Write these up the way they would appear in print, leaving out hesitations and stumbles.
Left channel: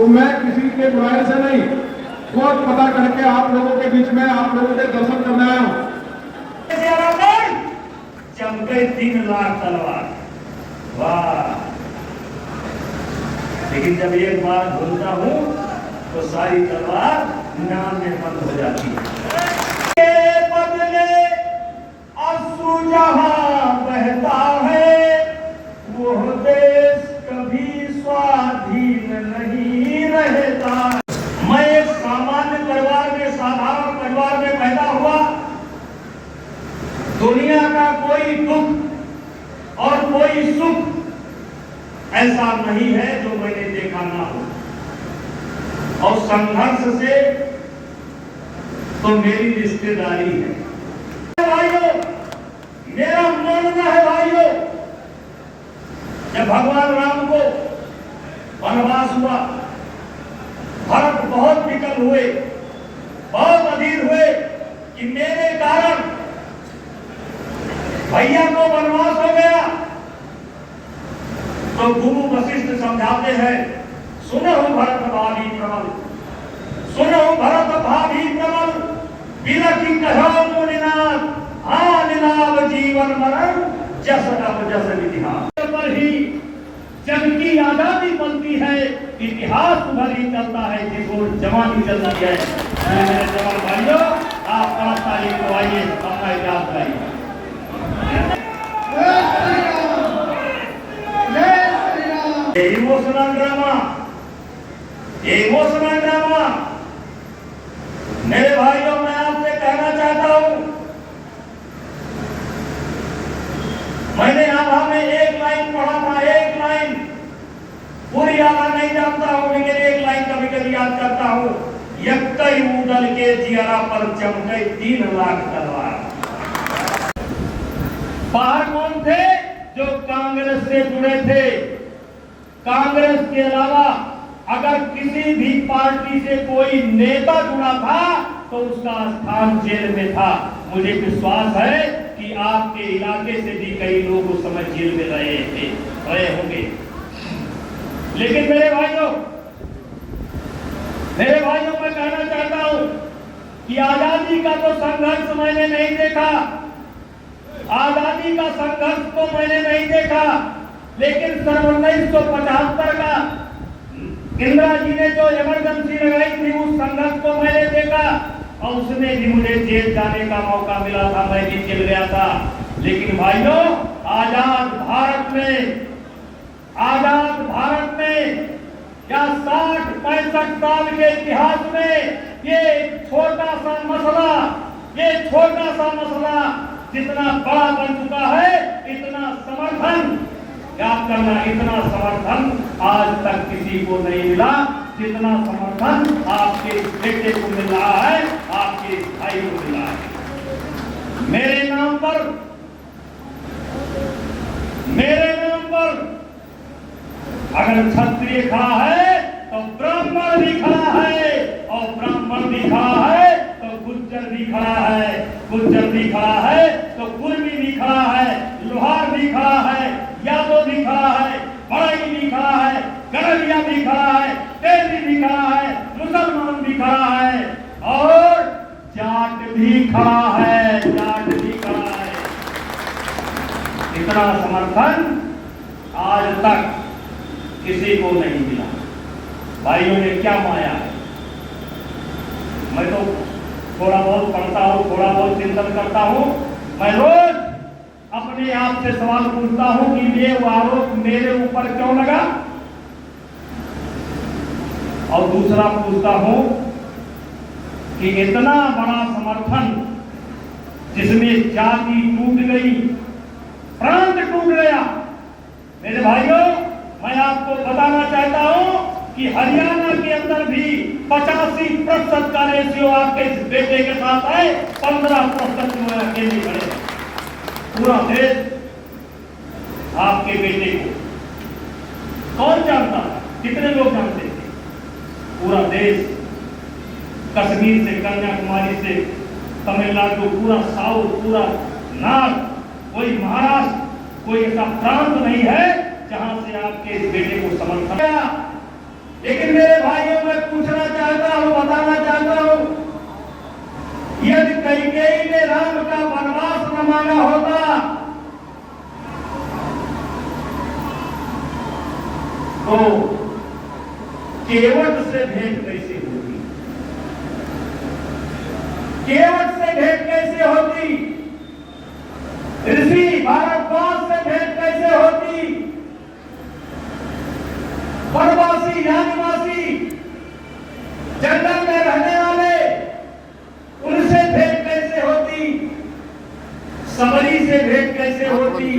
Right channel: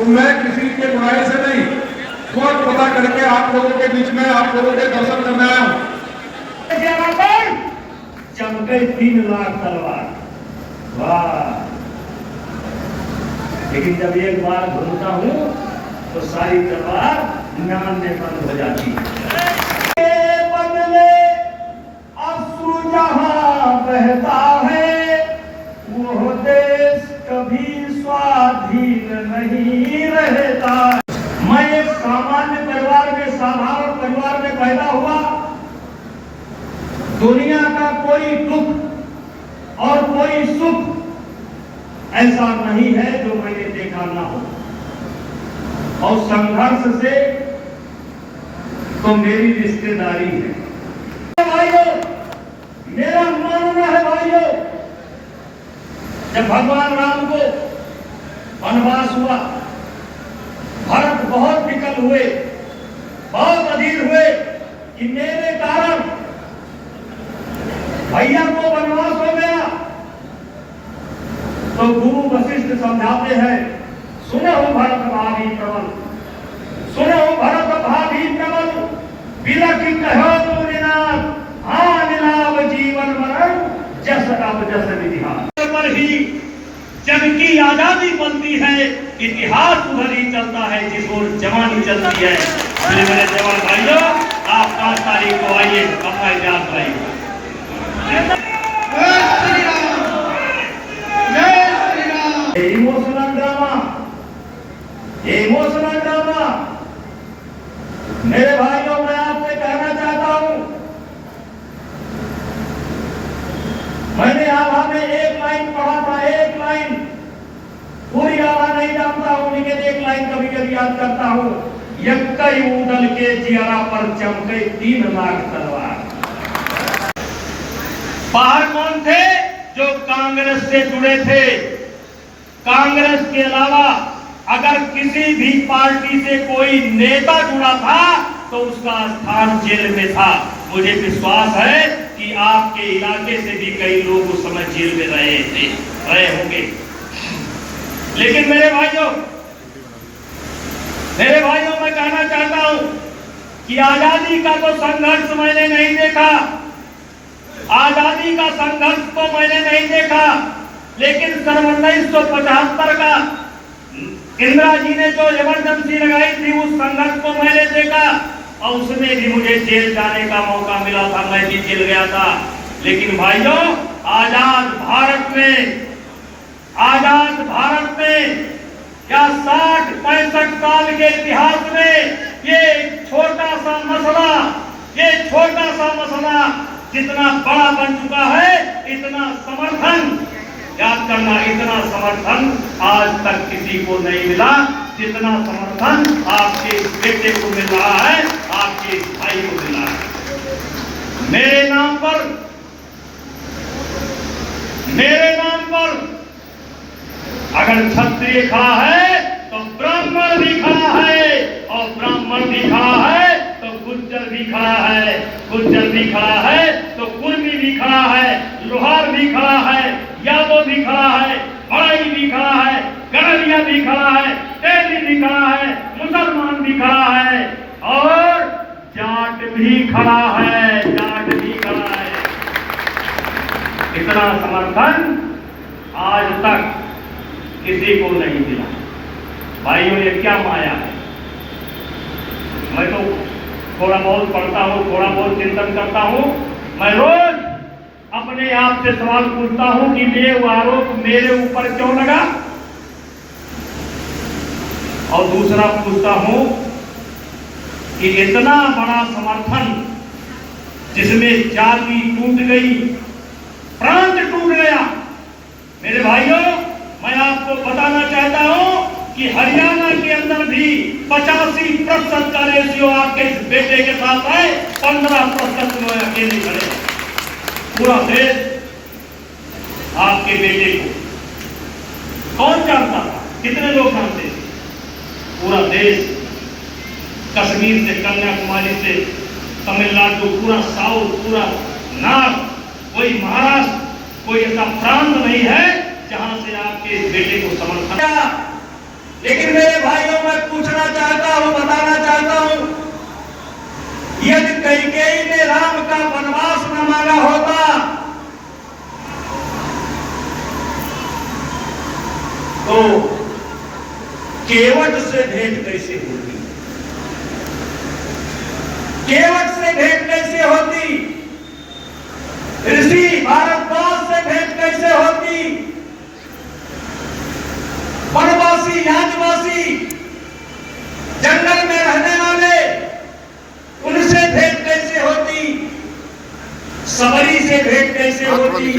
तो मैं किसी के बुराई से नहीं, खुद पता करके आप लोगों के बीच में आप लोगों के दर्शन करने आया हूं। चमके 3 लाख तलवार, वाह। लेकिन जब एक बार घूमता हूं तो सारी तलवार नाम में बंद हो जाती है। बदले अश्रु जहां बहता है, वो देश कभी स्वाधीन नहीं रहता। मैं एक सामान्य परिवार में, साधारण परिवार में पैदा हुआ। दुनिया का कोई दुख और कोई सुख ऐसा नहीं है जो मैंने देखा ना हो, और संघर्ष से तो मेरी रिश्तेदारी है। भाइयों, मेरा मानना है भाइयों, जब भगवान राम को वनवास हुआ, भरत बहुत विकल हुए, बहुत अधीर हुए कि मेरे कारण भैया को वनवास हो गया। तो गुरु वशिष्ठ समझाते हैं, सुनो भरत भाभी प्रबल, सुनो भरत भाभी प्रबल, बिलखि कहो मुनिनाथ, हाँ निलाभ जीवन मरण, जस अब जस विधिहार। पर ही जन की आजादी बनती है, इतिहास उधर ही चलता है जिस ओर जवानी चलती है। मेरे जवान भाइयों, आप 5 तारीख को आइए, अपना इतिहास लाइए। Emotional drama, emotional drama. मेरे भाइयों, मैं आपसे कहना चाहता हूं, मैंने आभा में एक लाइन पढ़ा था, एक लाइन, पूरी आभा नहीं जानता हूं, लेकिन एक लाइन कभी कभी याद करता हूं। यक्कई उदल के जियारा पर चमके 3 लाख तलवार। बाहर कौन थे? जो कांग्रेस से जुड़े थे। कांग्रेस के अलावा अगर किसी भी पार्टी से कोई नेता जुड़ा था तो उसका स्थान जेल में था। मुझे विश्वास है कि आपके इलाके से भी कई लोग उस समय जेल में रहे होंगे। लेकिन मेरे भाइयों, मैं कहना चाहता हूं कि आजादी का तो संघर्ष मैंने नहीं देखा, आजादी का संघर्ष तो मैंने नहीं देखा, लेकिन सन 1975 का इंदिरा जी ने जो इमरजेंसी लगाई थी, उस संघर्ष को मैंने देखा, और उसमें भी मुझे जेल जाने का मौका मिला था, मैं भी जेल गया था। लेकिन भाइयों, आजाद भारत में या 60-65 साल के इतिहास में ये छोटा सा मसला जितना बड़ा बन चुका है, इतना समर्थन, याद करना, इतना समर्थन आज तक किसी को नहीं मिला जितना समर्थन आपके बेटे को मिल रहा है, आपके भाई को मिल रहा है। मेरे नाम पर अगर क्षत्रिय खड़ा है तो ब्राह्मण भी खड़ा है, और ब्राह्मण भी खड़ा है तो गुज्जर भी खड़ा है, गुज्जर भी खड़ा है तो कुर्मी भी खड़ा है, लोहार भी खड़ा है, यादव भी खड़ा है, बड़ाई भी खड़ा है, गड़लिया भी खड़ा है, तेली भी खड़ा है, मुसलमान भी खड़ा है, और जाट भी खड़ा है, जाट भी खड़ा है। इतना समर्थन आज तक किसी को नहीं मिला। भाइयों, ये क्या माया है? मैं तो थोड़ा बहुत पढ़ता हूँ, थोड़ा बहुत चिंतन करता हूँ। मैं रोज अपने आप से सवाल पूछता हूँ कि ये आरोप मेरे ऊपर क्यों लगा, और दूसरा पूछता हूँ कि इतना बड़ा समर्थन जिसमें जाति टूट गई, प्रांत टूट गया। मेरे भाइयों, मैं आपको बताना चाहता हूं कि हरियाणा के अंदर भी 85% का रेशियो आपके बेटे के साथ है, 15% जो है अकेले खड़े। पूरा देश आपके बेटे को कौन जानता था? कितने लोग जानते थे? पूरा देश, कश्मीर से कन्याकुमारी से तमिलनाडु, पूरा साउथ, पूरा नॉर्थ, कोई महाराष्ट्र, कोई ऐसा प्रांत नहीं है जहां से आपके बेटे को समर्थन। लेकिन मेरे भाइयों, मैं पूछना चाहता हूं, बताना चाहता हूं, यदि कैकेयी ने राम का वनवास न मांगा होता तो केवट से भेंट कैसे होती? केवट से भेंट कैसे होती? ऋषि भारद्वाज से भेंट कैसे होती? वनवासी, यादवासी, जंगल में रहने वाले, उनसे भेंट कैसे होती? सबरी से भेंट कैसे होती?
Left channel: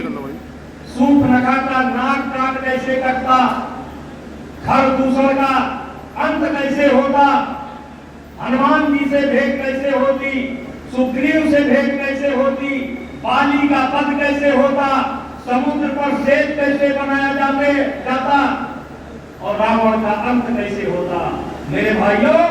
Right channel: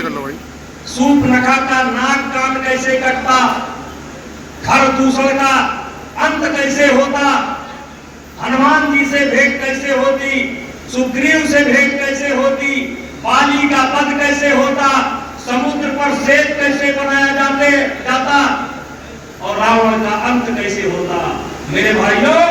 सूर्पनखा का नाक कान कैसे कटता? खरदूषण का अंत कैसे होता? हनुमान जी से भेंट कैसे होती? सुग्रीव से भेंट कैसे होती? बाली का वध कैसे होता? समुद्र पर सेतु कैसे बनाया जाता? और रावण का अंत कैसे होता? मेरे भाइयों,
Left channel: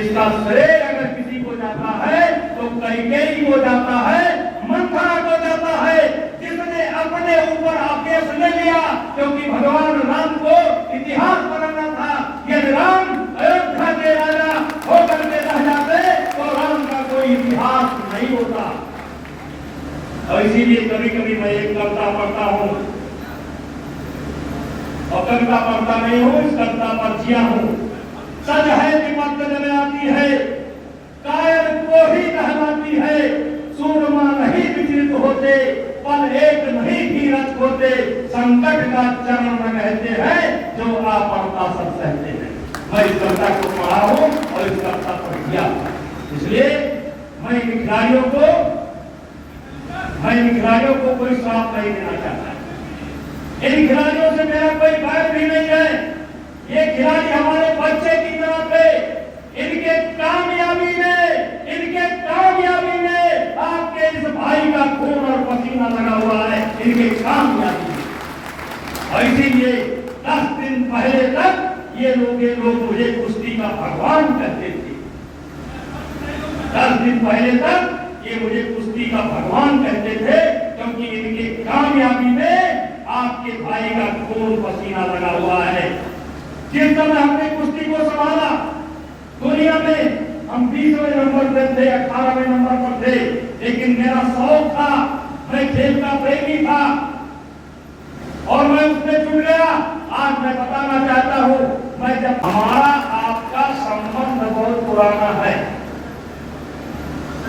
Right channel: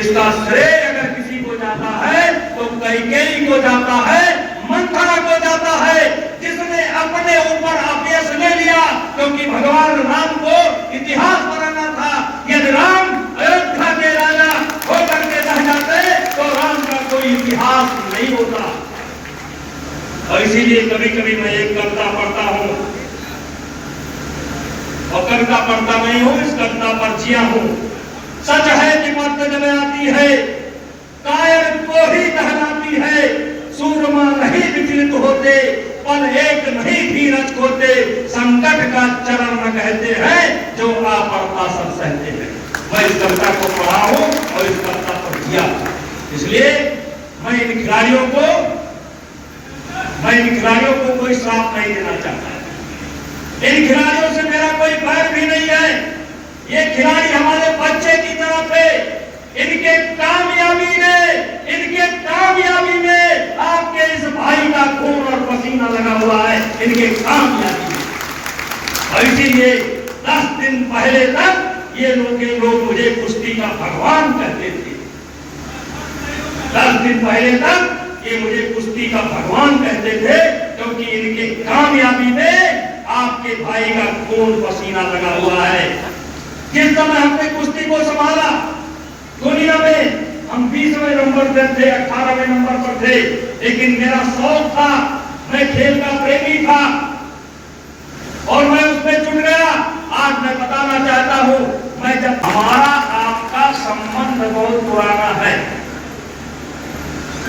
इसका श्रेय अगर किसी को जाता है तो कैकेयी को जाता है, मंथरा को जाता है, जिसने अपने ऊपर आदेश ले लिया, क्योंकि भगवान राम को इतिहास बनाना था। यदि राम अयोध्या के राजा होकर के रह जाते तो राम का कोई इतिहास नहीं होता। और इसीलिए कभी कभी मैं एक कविता पढ़ता हूं, और कविता पढ़ता नहीं हूं, इस कविता पर जिया हूं। सच है कि मत जब आती है, कायर को ही दहलाती है, सूरमा नहीं विचलित होते, पल एक नहीं धीरज होते, संकट का चरण न कहते हैं, जो आ पड़ता सब सहते हैं। मैं इस कविता को पढ़ा हूं और इस कविता को किया, इसलिए मैं इन खिलाड़ियों को कोई श्राप नहीं देना चाहता। इन खिलाड़ियों से मेरा कोई बैर भी नहीं है। ये खिलाड़ी हमारे बच्चे की तरफ है। इनके कामयाबी में आपके इस भाई का खून और पसीना लगा हुआ है, इनके कामयाबी में। और इसीलिए 10 दिन पहले तक ये लोग मुझे कुश्ती का भगवान कहते थे। 10 दिन पहले तक ये मुझे कुश्ती का भगवान कहते थे, क्योंकि इनके कामयाबी में आपके भाई का खून पसीना लगा हुआ है। जिस समय हमने कुश्ती को संभाला, दुनिया में हम 20वें नंबर पर थे, 18वें नंबर पर थे, लेकिन मेरा शौक था, मैं खेल का प्रेमी था और मैं उसमें जुट गया। आज मैं बताना चाहता हूं, मैं जब हमारा आपका संबंध बहुत पुराना है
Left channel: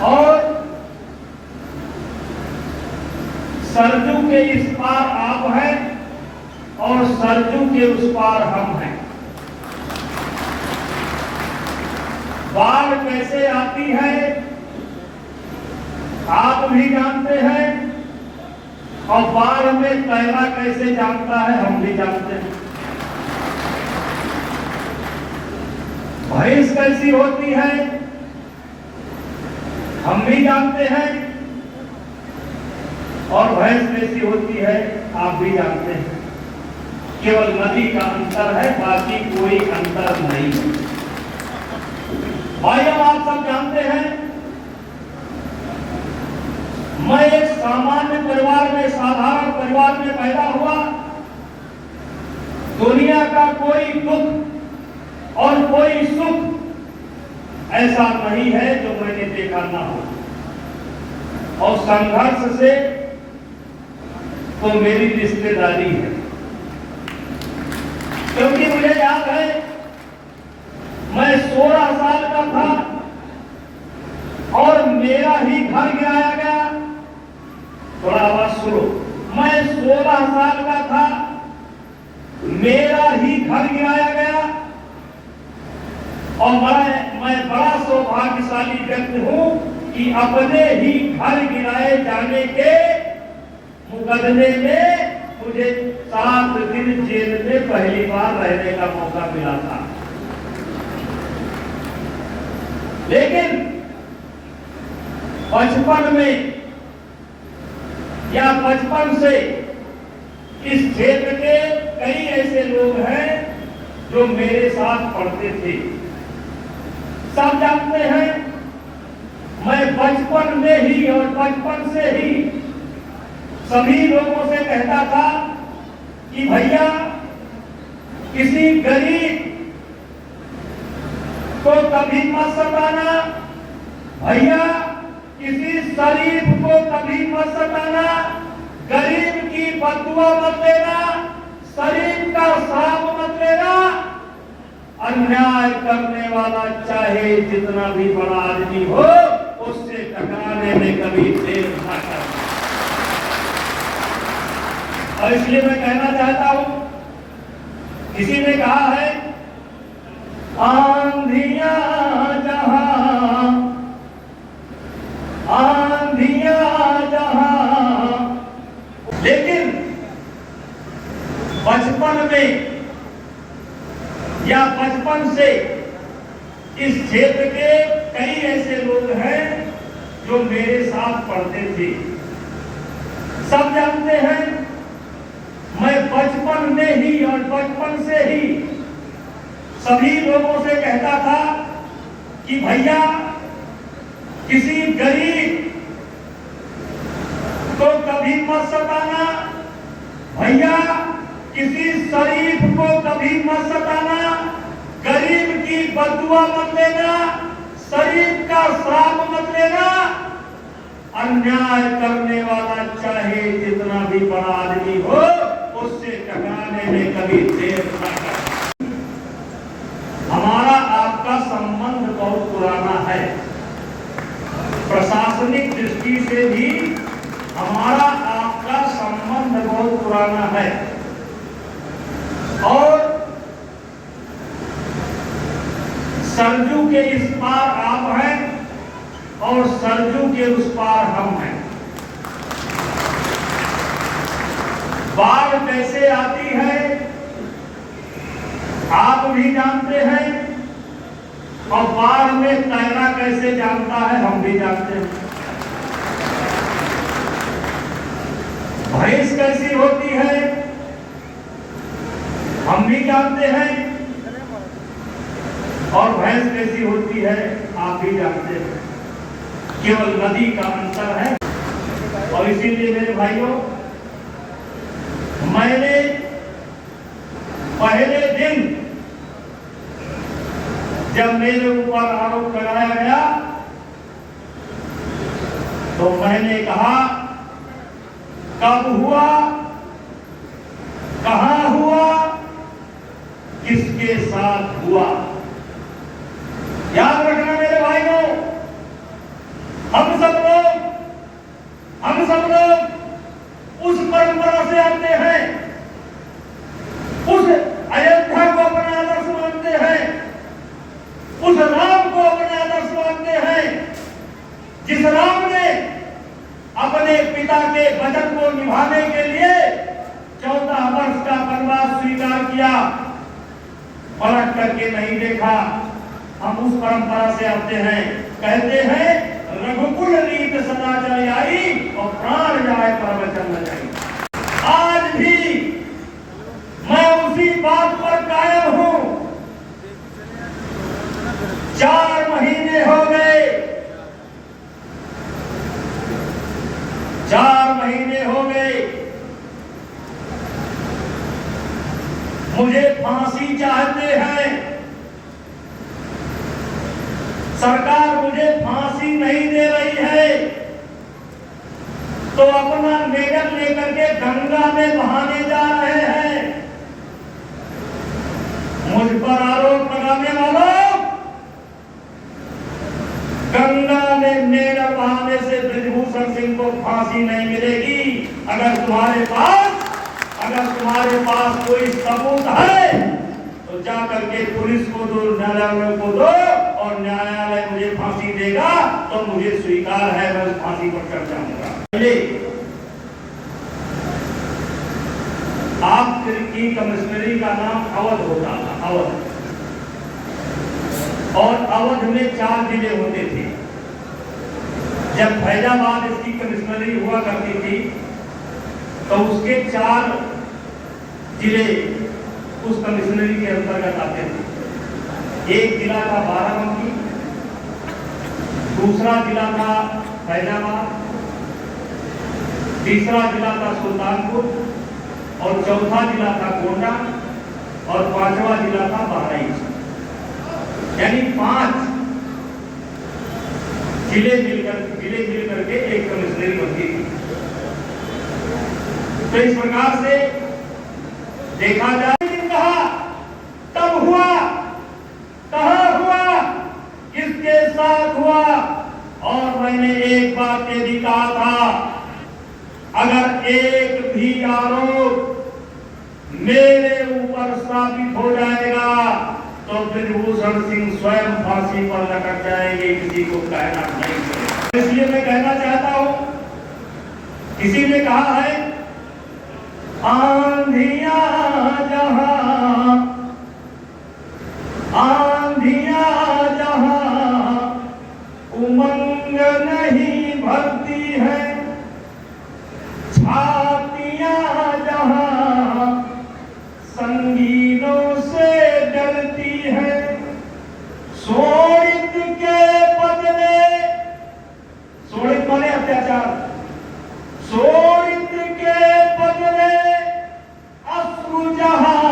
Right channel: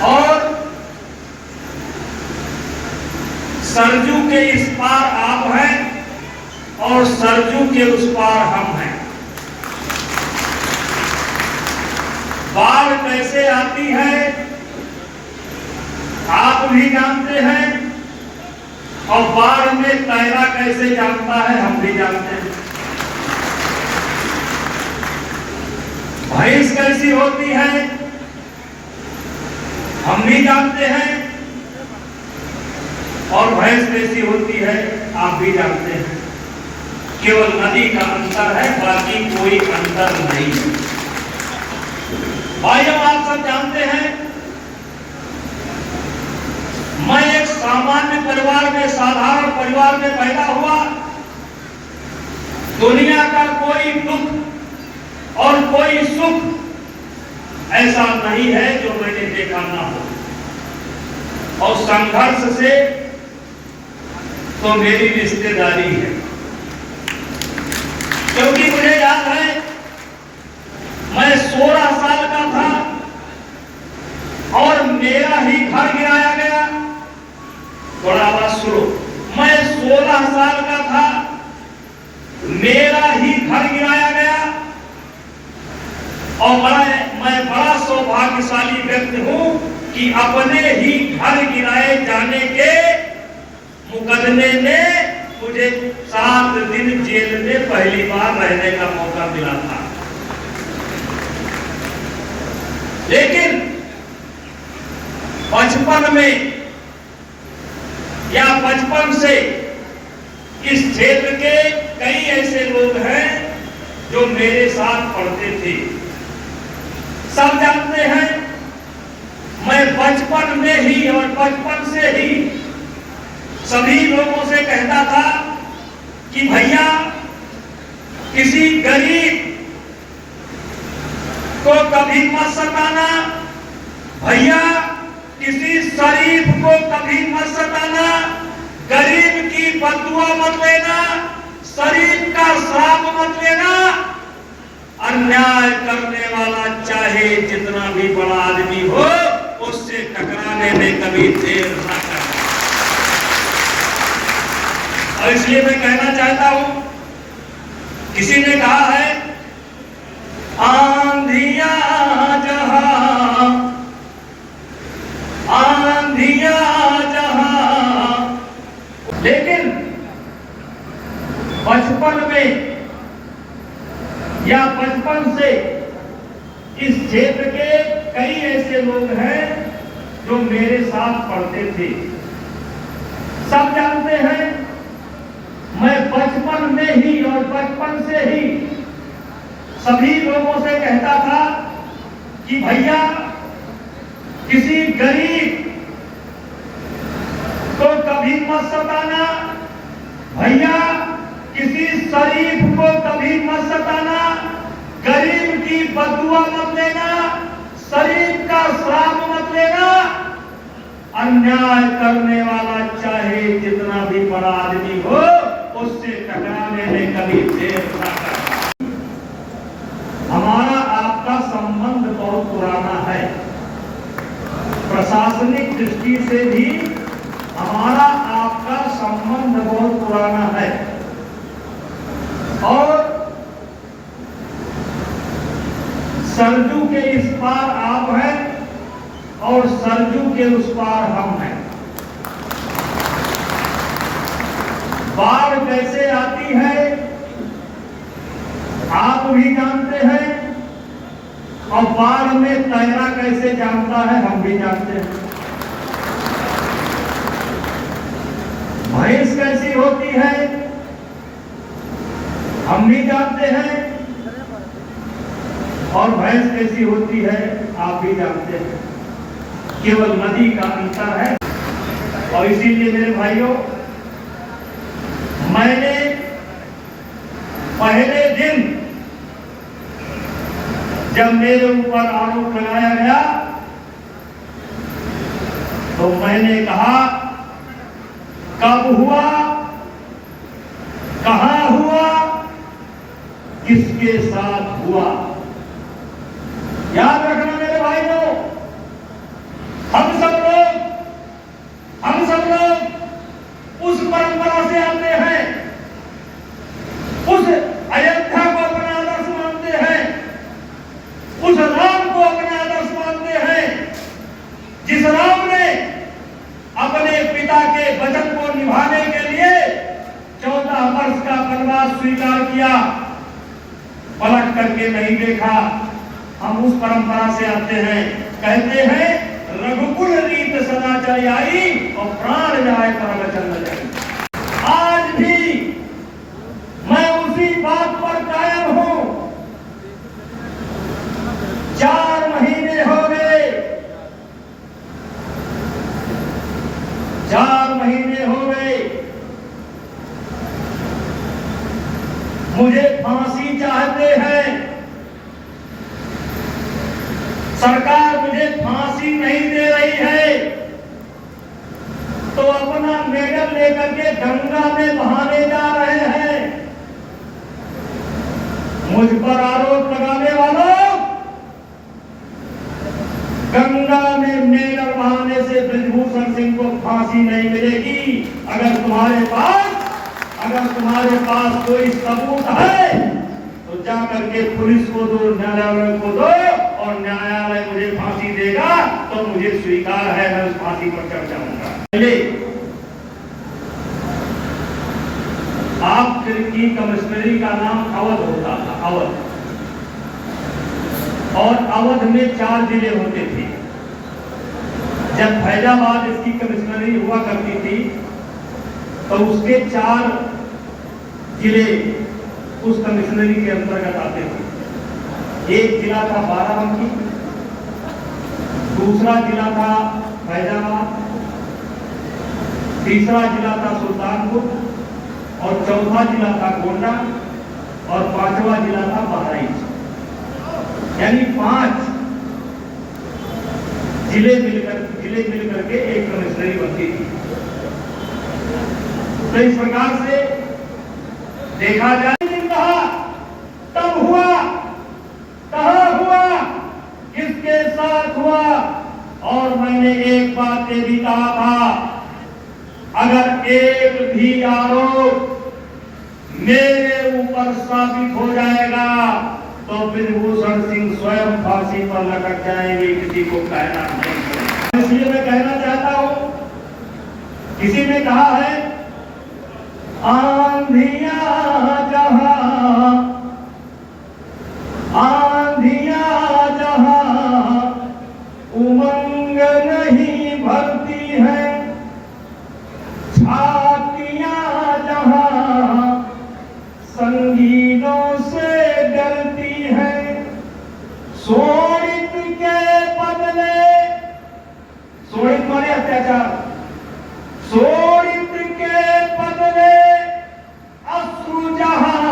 और सरजू के इस पार आप हैं और सरजू के उस पार हम हैं। बाढ़ कैसे आती है आप भी जानते हैं, और बाढ़ में तैरा कैसे जानता है हम भी जानते हैं। भैंस कैसी होती है हम भी जानते हैं, और भैंस कैसी होती है आप भी जानते हैं। केवल नदी का अंतर है, बाकी कोई अंतर नहीं। भाइयों, आप सब जानते हैं, मैं एक सामान्य परिवार में, साधारण परिवार में पैदा हुआ। दुनिया का कोई दुख और कोई सुख ऐसा नहीं है जो मैंने देखा ना हो, और संघर्ष से तो मेरी रिश्तेदारी है। क्योंकि मुझे याद है, मैं 16 साल का था और मेरा ही घर गिराया गया। थोड़ा आवाज सुनो। मैं 16 साल का था, मेरा ही घर गिराया गया, और मैं बड़ा सौभाग्यशाली व्यक्ति हूं कि अपने ही घर गिराए जाने के मुकदमे में मुझे 7 दिन जेल में पहली बार रहने का मौका मिला था। लेकिन बचपन में या बचपन से इस क्षेत्र के कई ऐसे लोग हैं जो मेरे साथ पढ़ते थे। सब जानते हैं, मैं बचपन में ही और बचपन से ही सभी लोगों से कहता था कि भैया किसी गरीब को कभी मत सताना, भैया किसी शरीफ को कभी मत सताना, गरीब की बददुआ मत लेना, शरीफ का श्राप मत लेना। अन्याय करने वाला चाहे जितना भी बड़ा आदमी हो, उससे टकराने में कभी देर न करना। और इसलिए मैं कहना चाहता हूं, किसी ने कहा है आंधियां जहां, लेकिन बचपन में या बचपन से इस क्षेत्र के कई ऐसे लोग हैं जो मेरे साथ पढ़ते थे। सब जानते हैं मैं बचपन में ही और बचपन से ही सभी लोगों से कहता था कि भैया किसी गरीब को कभी मत सताना, भैया किसी शरीफ को कभी मत सताना, गरीब की बददुआ मत लेना, शरीफ का श्राप मत लेना। अन्याय करने वाला चाहे जितना भी बड़ा आदमी हो, उससे टकराने में कभी देर न करना। हमारा आपका संबंध बहुत पुराना है, प्रशासनिक दृष्टि से भी हमारा आपका संबंध बहुत पुराना है। और सरजू के इस पार आप हैं और सरजू के उस पार हम हैं। बाढ़ कैसे आती है आप भी जानते हैं, और बाढ़ में तैरना कैसे जानता है हम भी जानते हैं। भैंस कैसी होती है हम भी जानते हैं, और भैंस कैसी होती है आप भी जानते हैं। केवल नदी का अंतर है। और इसीलिए मेरे भाइयों, मैंने पहले दिन जब मेरे ऊपर आरोप लगाया गया तो मैंने कहा कब हुआ, कहां हुआ, किसके साथ हुआ। याद रखना मेरे भाइयों, हम सब लोग उस परंपरा से आते हैं, उस अयोध्या को अपना आदर्श मानते हैं, उस राम को अपना आदर्श मानते हैं, जिस राम ने अपने पिता के वचन को निभाने के लिए 14 वर्ष का वनवास स्वीकार किया, पलट करके नहीं देखा। हम उस परंपरा से आते हैं, कहते हैं रघुकुल रीत सदा चली आई और प्राण जाए तो वचन न जाए। आज भी मैं उसी बात पर कायम हूं। 4 महीने हो गए, 4 महीने हो गए, मुझे फांसी चाहते हैं। सरकार मुझे फांसी नहीं दे रही है तो अपना मेडल लेकर के गंगा में बहाने जा रहे हैं। मुझ पर आरोप लगाने वालों, गंगा में मेडल बहाने से बृजभूषण सिंह को फांसी नहीं मिलेगी। अगर तुम्हारे पास कोई सबूत है तो जा करके पुलिस को दो, न्यायालय को दो, और न्यायालय मुझे फांसी देगा तो मुझे स्वीकार है, मैं उस फांसी पर चढ़ जाऊंगा। आपकी कमिश्नरी का नाम अवध होता था, अवध, और अवध में 4 जिले होते थे। जब फैजाबाद इसकी कमिश्नरी हुआ करती थी तो उसके 4 जिले उस कमिश्नरी के अंतर्गत आते थे। एक जिला था बाराबंकी, दूसरा जिला था फैजाबाद, तीसरा जिला था सुल्तानपुर, और चौथा जिला था गोंडा, और 5वां जिला था बहराइच। यानी 5 जिले मिलकर के एक कमिश्नरी बनती थी। तो इस प्रकार से देखा जाए, कहा तब हुआ, कहां हुआ, किसके साथ हुआ। और मैंने एक बात ये भी कहा था, अगर एक भी आरोप मेरे ऊपर साबित हो जाएगा तो ब्रिजभूषण सिंह स्वयं फांसी पर लटक जाएंगे, किसी को कहना नहीं। इसलिए मैं कहना चाहता हूं, किसी ने कहा है आंधियां जहां उमंग नहीं भरती है, छातियां जहां संगीनों से डरती है, शोणित के बदले, शोणित माने अत्याचार, शोणित के बदले अश्रु जहां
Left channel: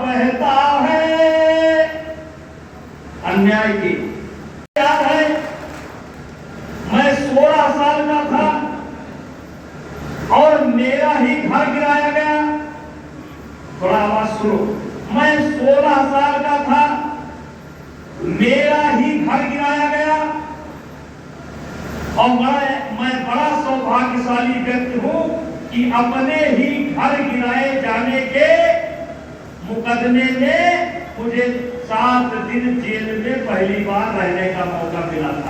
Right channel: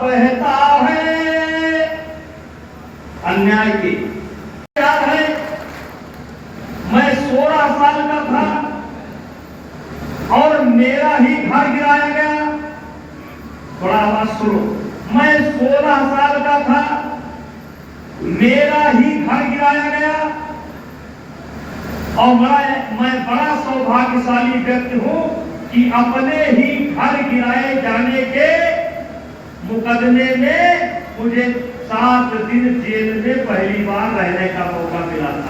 बहता है, अन्याय की याद है। मैं 16 साल का था और मेरा ही घर गिराया गया। थोड़ा आवाज सुनो। मैं 16 साल का था, मेरा ही घर गिराया गया और मैं बड़ा सौभाग्यशाली व्यक्ति हूं कि अपने ही घर गिराए जाने के मुकदमे में मुझे 7 दिन जेल में पहली बार रहने का मौका मिला था।